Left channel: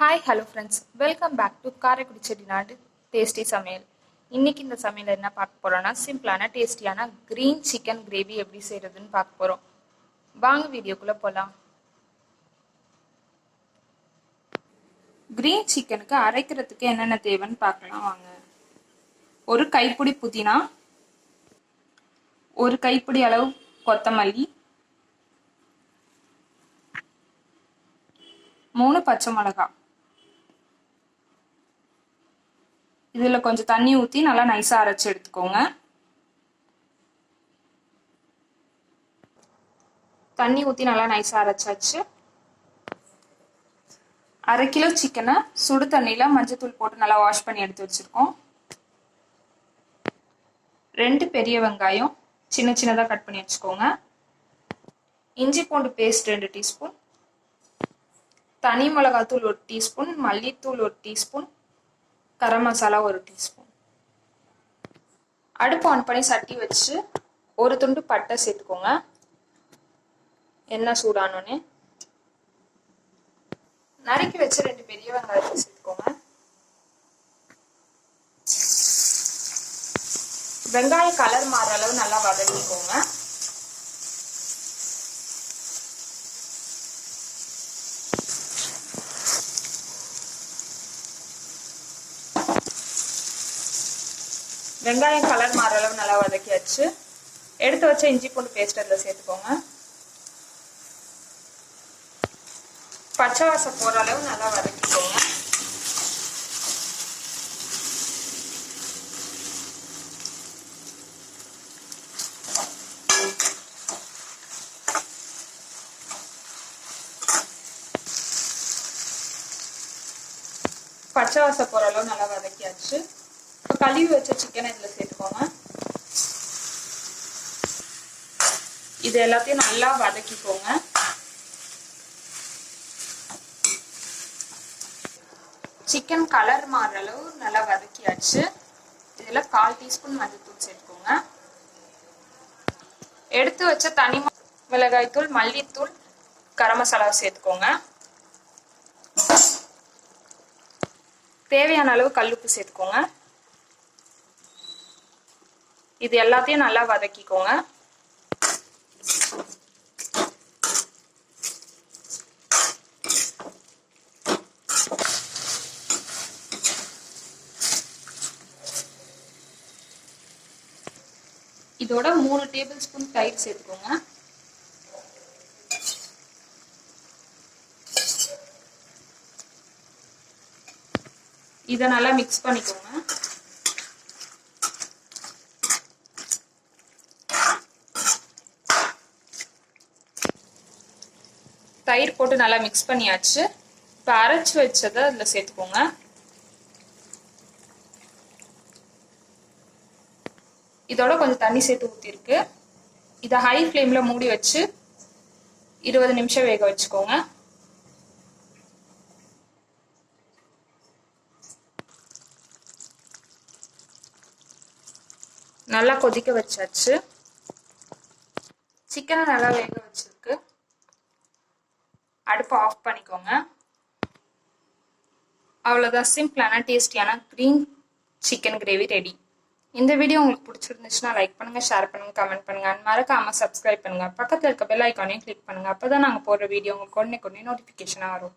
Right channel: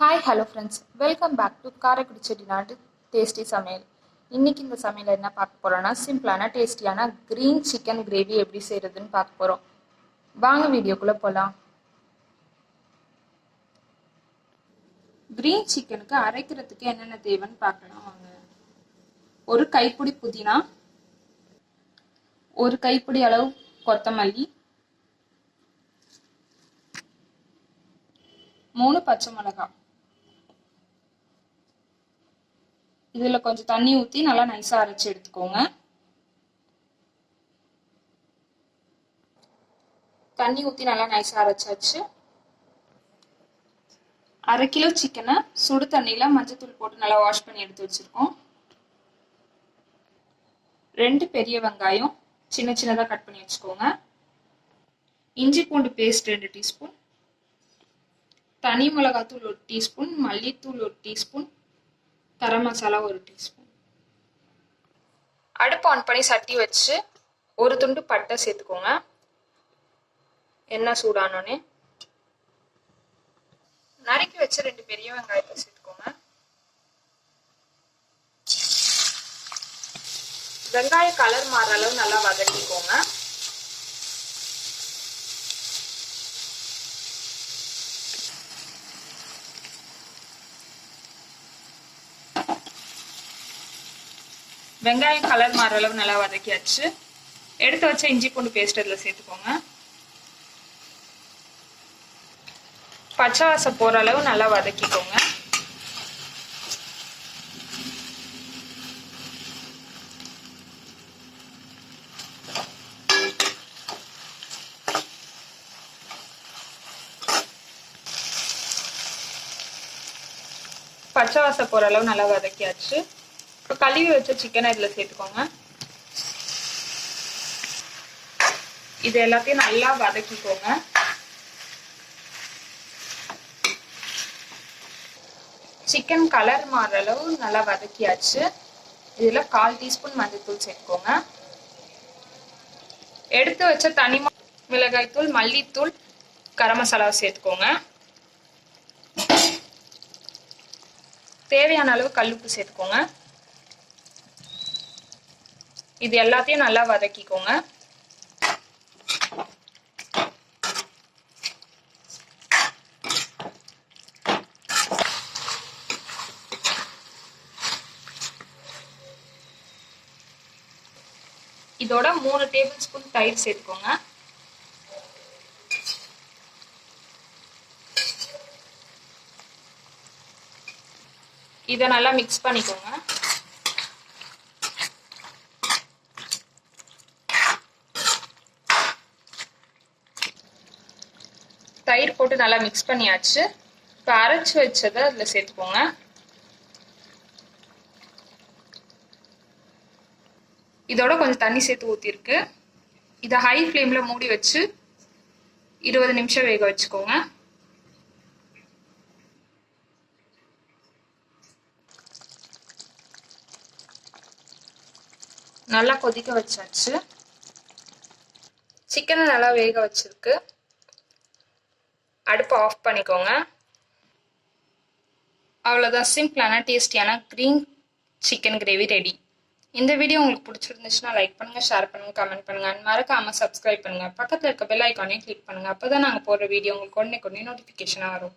Hi hello friends, welcome back to Karaikudi Chettinad tasty சமையல். இன்றைக்கி இந்த சமையல் என்ன பார்க்க போகிறோன்னா, சிம்பிளான டேஸ்டியான க்ரீன் சிக்கன் கிரேவி எப்படி செய்கிறதுன்னு பார்க்க போகிறோம். வாங்க வீடியோக்குள்ளே போகலாம். க்ரீன் சிக்கனுக்கு அரைக்கிறதுக்கு என்னென்ன தேவைன்னு பார்க்கலாம் வாங்க. ஒரு கைப்பிடி புதினா, ஒரு கைப்பிடி அளவு கொத்தமல்லி, 3 பச்சை மிளகாய். இதில் கொஞ்சம் தண்ணி ஊற்றி நல்லா நைஸாக அரைச்சி எடுத்துக்கோங்க. தண்ணி ஊற்றி நல்லா நைஸாக அரைச்சாச்சு. 1/2 கிலோ சிக்கனை சுடு தண்ணியில் மஞ்சத்தூள் போட்டு நல்லா வாஷ் பண்ணி எடுத்து வச்சுருக்கோம். 2 பெரிய வெங்காயம் சின்ன சின்னதாக கட் பண்ணி வச்சுக்கோங்க. இஞ்சி பூண்டு பேஸ்ட் 2 டீஸ்பூன், தனி மிளகாத்தூள் 1 டீஸ்பூன், மல்லித்தூள் 1 டீஸ்பூன், கரம் மசாலா 1 டீஸ்பூன். அடுப்பு ஆன் பண்ணி சட்டி வச்சு ஒரு துண்டு பட்டை சேர்த்துக்கோங்க. எண்ணெய் சூடானோடனே நறுக்கி வச்சு 2 பெரிய வெங்காயத்தை சேர்த்துக்கோங்க. வெங்காய கலர் மாறுற அளவு நல்லா வதக்கிக்கோங்க. வெங்காயம் கலர் மாற அளவு நல்லா வதக்கியாச்சு. எடுத்து வச்ச இஞ்சி பூண்டு பேஸ்ட் அதில் சேர்த்துக்கோங்க. பச்சை வாசம் போகிற அளவு நல்லா வதக்கிக்கோங்க. பச்சை வாசம் போகிற அளவு நல்லா வதக்கியாச்சு. இப்போ கழுவி வச்ச சிக்கனை இதில் சேர்த்துக்கோங்க. இது எல்லாத்தையும் நல்லா வதக்கிக்கோங்க. சிக்கன் கலர் மாறுற அளவு நல்லா வதக்கியாச்சு. இதில் 1/4 டீஸ்பூன் மஞ்சள்தூள் சேர்த்துக்கோங்க. எடுத்து வச்ச தனி மிளகாய் தூள், மல்லித்தூள், கரம் மசாலாவை சேர்த்துக்கோங்க. தேவையான அளவு கல்லுப்பு சேர்த்துக்கோங்க. இது எல்லாத்தையும் நல்லா வதக்கிக்கோங்க. இதோட 3 டேபிள் ஸ்பூன் தயிர் சேர்த்துக்கோங்க. இதை நல்லா மிக்ஸ் பண்ணிக்கோங்க. தயிர் போட்டு நல்லா மிக்ஸ் பண்ணியாச்சு. இப்போ அரைச்சி வச்சதை அதில் சேர்த்துக்கோங்க. இதோட கொஞ்சம் தண்ணி சேர்த்து ஊற்றிருக்கு. இதை ஹை ஃப்ளேமில் மூடி வச்சு 20 நிமிஷம் வேக வச்சுக்கோங்க. நல்லா கொதிக்க வச்சாச்சு. சிக்கனை நல்லா வேக வச்சிருக்கு. அடுப்பை ஆஃப் பண்ணிக்கோங்க. அவ்வளோதான், சிம்பிளான டேஸ்டியான க்ரீன் சிக்கன் கிரேவி ரெடி. இந்த வீடியோ உங்களுக்கு பிடிச்சிருந்துச்சுன்னா லைக் பண்ணுங்கள், ஷேர் பண்ணுங்கள், கமெண்ட் பண்ணுங்கள். அண்ட் மறக்காமல் சப்ஸ்கிரைப் பண்ணுங்கள். பக்கத்தில் இருக்க பெல் ஐக்கானையும் கிளிக் பண்ணுங்கள். அப்போ தான் நாங்கள் போடுற வீடியோ உங்களுக்கு உடனே நோட்டிஃபிகேஷனாக வரும்.